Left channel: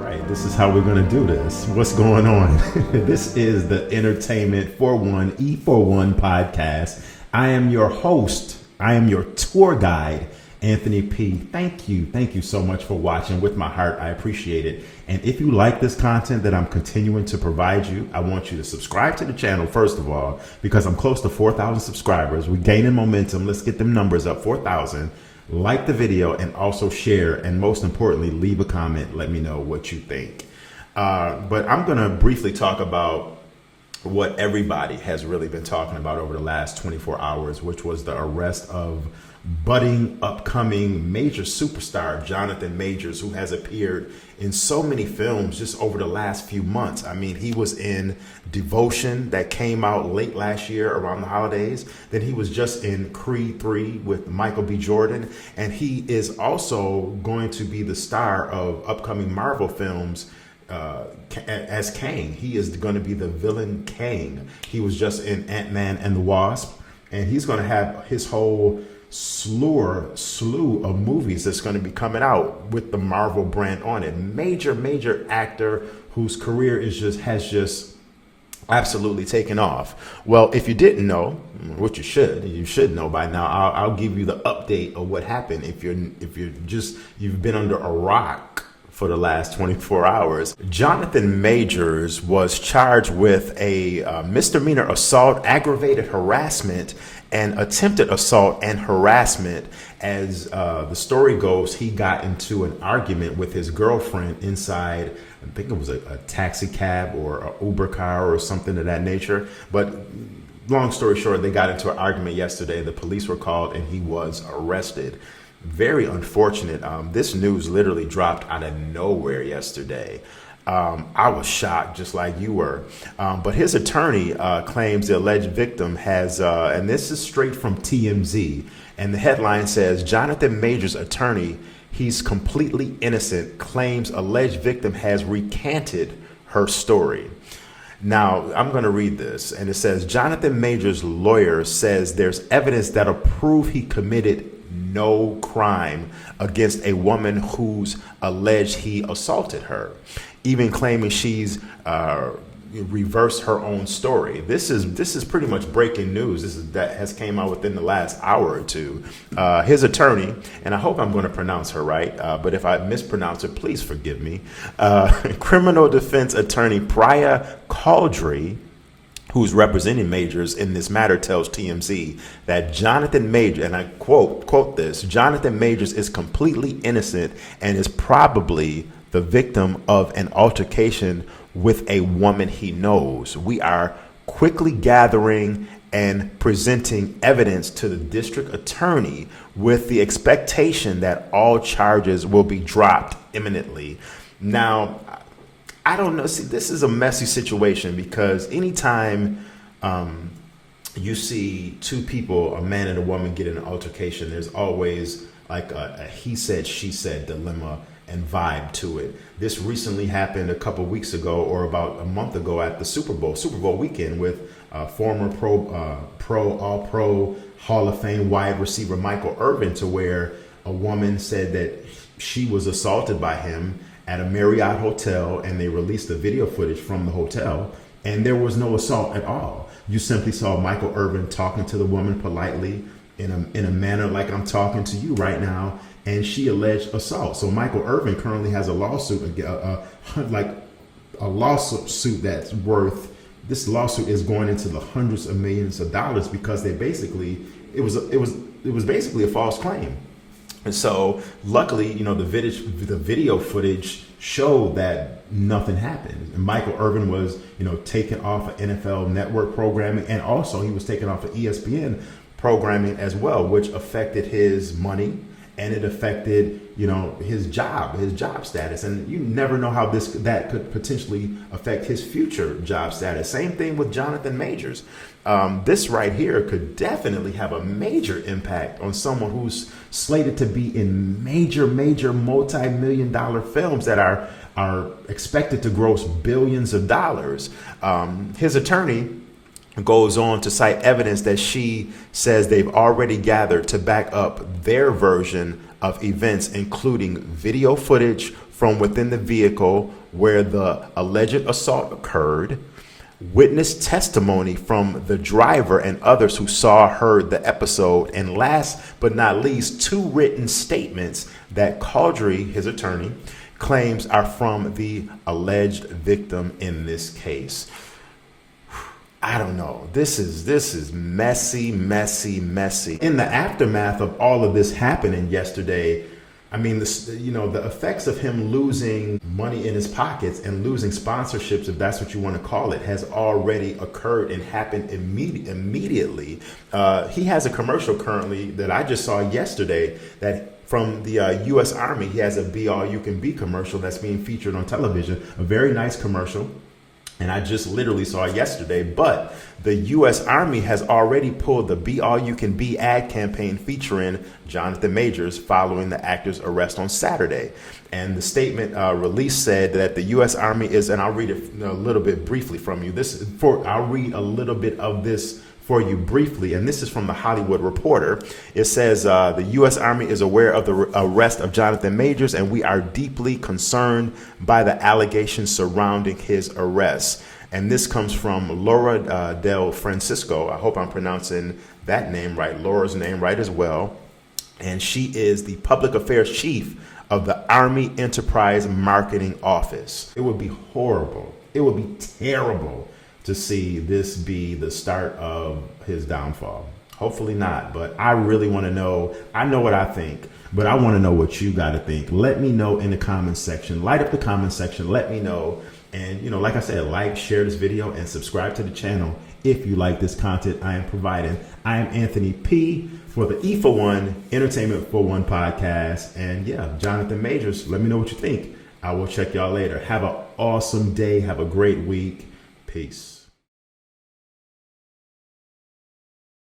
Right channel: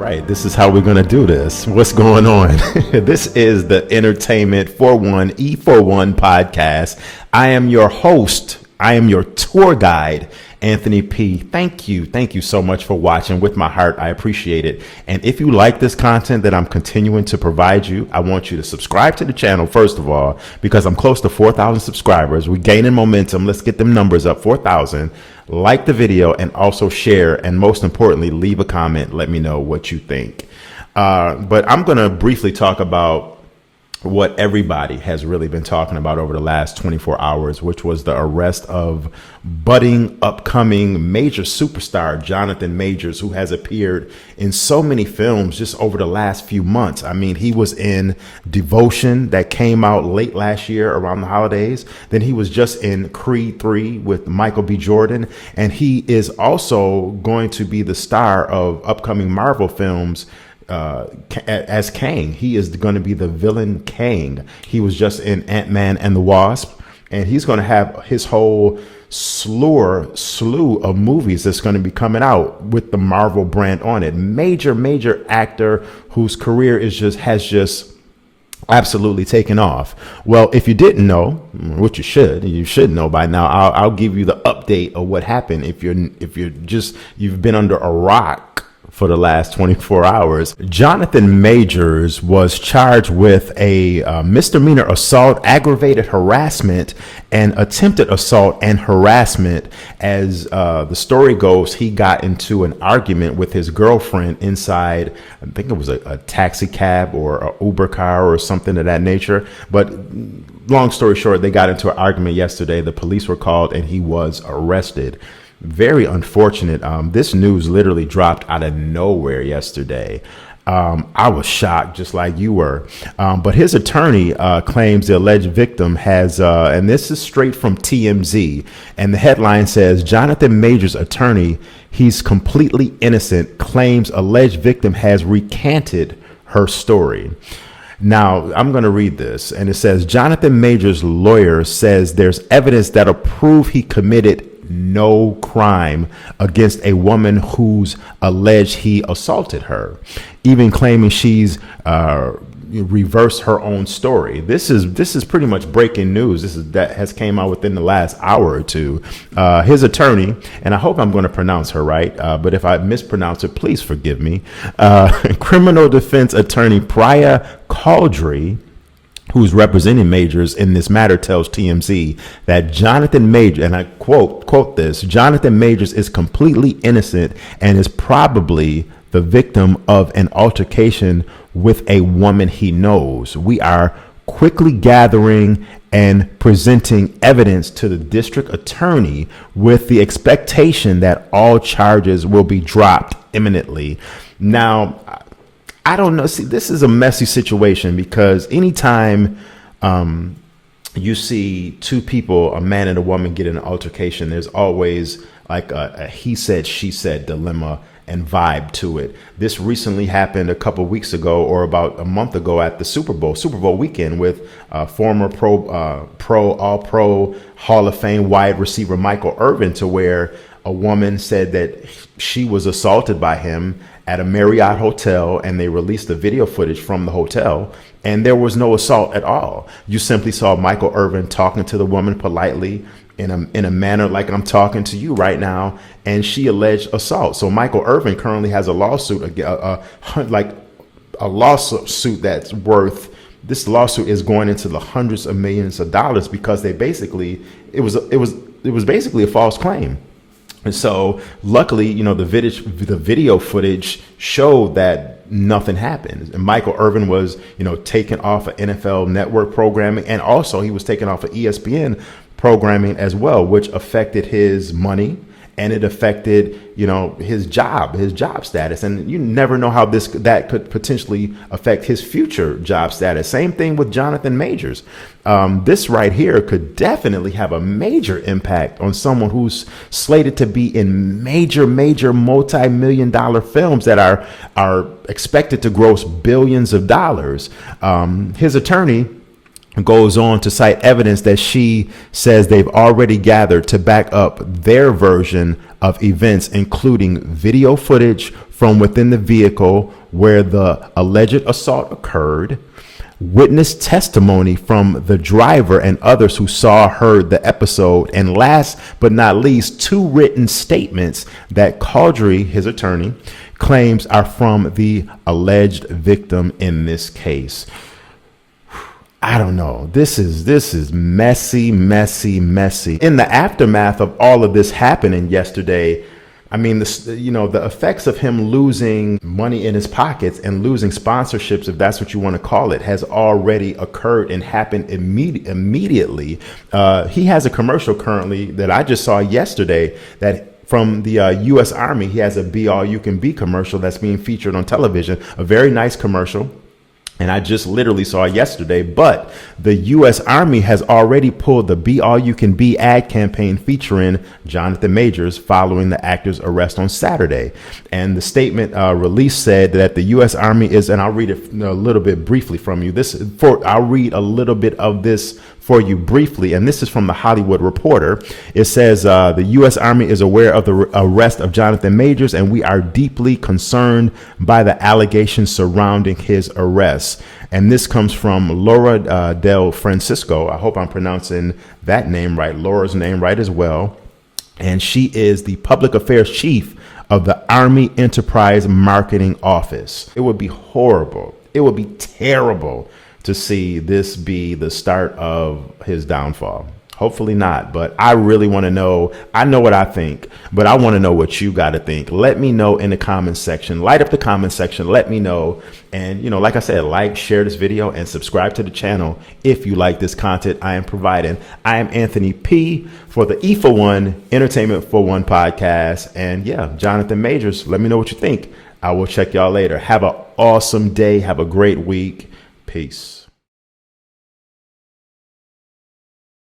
Right, this is how we're going to do this. What's going on? This is the Entertainment 41 E41 podcast. I am your host. I am your tour guide, Anthony P. Thank you. Thank you so much for watching. With my heart, I appreciate it. And if you like this content that I'm continuing to provide you, I want you to subscribe to the channel, first of all, because I'm close to 4,000 subscribers. We're gaining momentum. Let's get them numbers up, 4,000. Like the video and also share, and most importantly, leave a comment. Let me know what you think. But I'm going to briefly talk about what everybody has really been talking about over the last 24 hours, which was the arrest of budding, upcoming major superstar Jonathan Majors, who has appeared in so many films just over the last few months. I mean, he was in Devotion that came out late last year around the holidays. Then he was just in Creed 3 with Michael B. Jordan. And he is also going to be the star of upcoming Marvel films as Kang. He is going to be the villain Kang. He was just in Ant-Man and the Wasp, and he's going to have his whole slew of movies that's going to be coming out with the Marvel brand on it. Major actor whose career has just absolutely taken off. Well, if you didn't know, which you should know by now, I'll give you the update of what happened. If you've been under a rock for the last 24 hours. Jonathan Majors was charged with a misdemeanor assault, aggravated harassment, and attempted assault and harassment. As the story goes, he got into an argument with his girlfriend inside, I think it was a taxi cab or an Uber car or something of that nature. But long story short, they got into an argument yesterday. The police were called and he was arrested. Very unfortunate. This news literally dropped out of nowhere yesterday. I was shocked, just like you were. But his attorney claims the alleged victim has, and this is straight from TMZ, and the headline says, Jonathan Majors' attorney, he's completely innocent, claims alleged victim has recanted her story. Now, I'm going to read this, and it says, Jonathan Majors' lawyer says there's evidence that'll prove he committed no crime against a woman who's alleged he assaulted her, even claiming she's reversed her own story. This is pretty much breaking news. That has came out within the last hour or two. His attorney, and I hope I'm going to pronounce her right, but if I mispronounce it, please forgive me. Criminal defense attorney Priya Caldry, who's representing Majors in this matter, tells TMZ that Jonathan Majors, and I quote this, Jonathan Majors is completely innocent and is probably the victim of an altercation with a woman he knows. We are quickly gathering and presenting evidence to the district attorney with the expectation that all charges will be dropped imminently. Now, I don't know. See, this is a messy situation because anytime you see two people, a man and a woman, get in an altercation, there's always like a he said, she said dilemma and vibe to it. This recently happened a couple of weeks ago or about a month ago at the Super Bowl weekend with former All-Pro Hall of Fame wide receiver Michael Irvin, to where a woman said that she was assaulted by him at a Marriott hotel, and they released the video footage from the hotel, and there was no assault at all. You simply saw Michael Irvin talking to the woman politely in a manner like I'm talking to you right now, and she alleged assault. So Michael Irvin currently has a lawsuit, like a lawsuit that's worth. This lawsuit is going into the hundreds of millions of dollars because it was basically a false claim. And so luckily, the video footage showed that nothing happened. And Michael Irvin was, taken off of NFL Network programming, and also he was taken off of ESPN programming as well, which affected his money, and it affected, his job status. And you never know how that could potentially affect his future job status. Same thing with Jonathan Majors. This right here could definitely have a major impact on someone who's slated to be in major multi-million dollar films that are expected to gross billions of dollars. His attorney goes on to cite evidence that she says they've already gathered to back up their version of events, including video footage from within the vehicle where the alleged assault occurred, witness testimony from the driver and others who saw or heard the episode, and last but not least, 2 written statements that Caudry, his attorney, claims are from the alleged victim in this case. I don't know. This is messy, messy, messy. In the aftermath of all of this happening yesterday, I mean, the effects of him losing money in his pockets and losing sponsorships, if that's what you want to call it, has already occurred and happened immediately. He has a commercial currently that I just saw yesterday that from the U.S. Army. He has a Be All You Can Be commercial that's being featured on television, a very nice commercial. And I just literally saw it yesterday, but the U.S. Army has already pulled the Be All You Can Be ad campaign featuring Jonathan Majors following the actor's arrest on Saturday. And the statement released said that the U.S. Army is, and I'll read it a little bit briefly from you. I'll read a little bit of this for you briefly, and this is from the Hollywood Reporter. It says the U.S. Army is aware of the arrest of Jonathan Majors, and we are deeply concerned by the allegations surrounding his arrest. And this comes from Laura Del Francisco. I hope I'm pronouncing that name right, Laura's name right as well. And she is the public affairs chief of the Army Enterprise Marketing Office. It would be horrible. It would be terrible to see this be the start of his downfall. Hopefully not, but I really want to know. I know what I think, but I want to know what you got to think. Let me know in the comments section. Light up the comment section. Let me know. And, like I said, like, share this video, and subscribe to the channel if you like this content I am providing. I am Anthony P. for the E for One Entertainment for One podcast. And yeah, Jonathan Majors, let me know what you think. I will check y'all later. Have an awesome day. Have a great week. Peace.